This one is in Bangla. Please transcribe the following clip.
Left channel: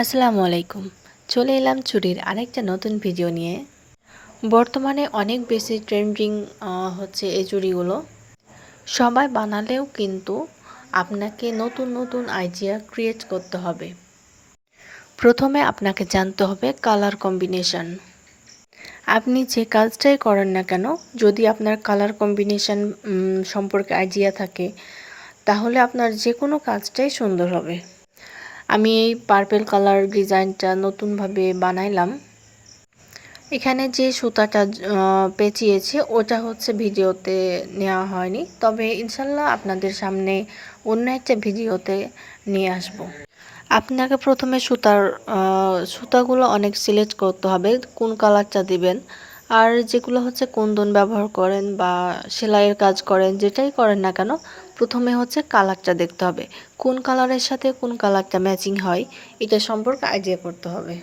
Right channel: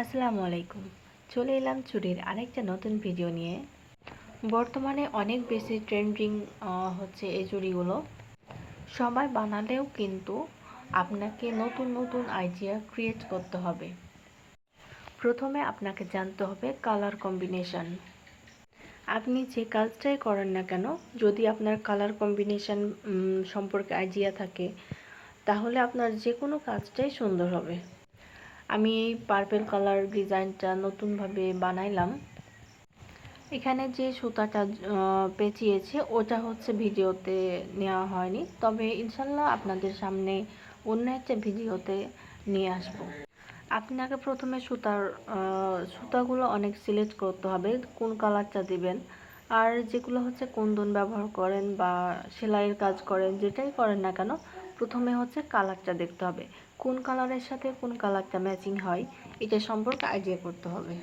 আসসালামু আলাইকুম। চলে এলাম চুরির আরেকটা নতুন ভিডিও নিয়ে। বর্তমানে অনেক বেশি ট্রেন্ডিং হচ্ছে এই চুড়িগুলো। সবাই বানালেও কিন্তু আপনাকে নতুন নতুন আইডিয়া ক্রিয়েট করতে হবে। প্রথমে আপনাকে জানতে হবে কালার কম্বিনেশন। আপনি যে কাজটাই করেন না কেন, যদি আপনার কালার কম্বিনেশন সম্পর্কে আইডিয়া থাকে, তাহলে আপনার যে কোনো কাজটাই সুন্দর হবে। আমি এই পার্পল কালার ডিজাইনটা নতুনভাবে বানাইলাম। এখানে যে সুতাটা পেঁচিয়েছি ওটা হচ্ছে ভিডিওতে নেওয়া হয়নি, তবে ইনশাল্লাহ আপনাদের সামনে অন্য একটা ভিডিওতে নিয়ে আসব। আপনাকে প্রথমে সুতাগুলো অনেক সিলেক্ট করতে হবে কোন কালারটা দিবেন। আর যেগুলো হচ্ছে কুন্দন ব্যবহার করেন বা সেলাইয়ের কাজ করেন, যেটাই করেন না কেন, প্রথমে হচ্ছে কালারটা দেখতে হবে কোন কালারের সাথে কোন কালারটা ম্যাচিং হয়, এটা সম্পর্কে আইডিয়া করতে হবে।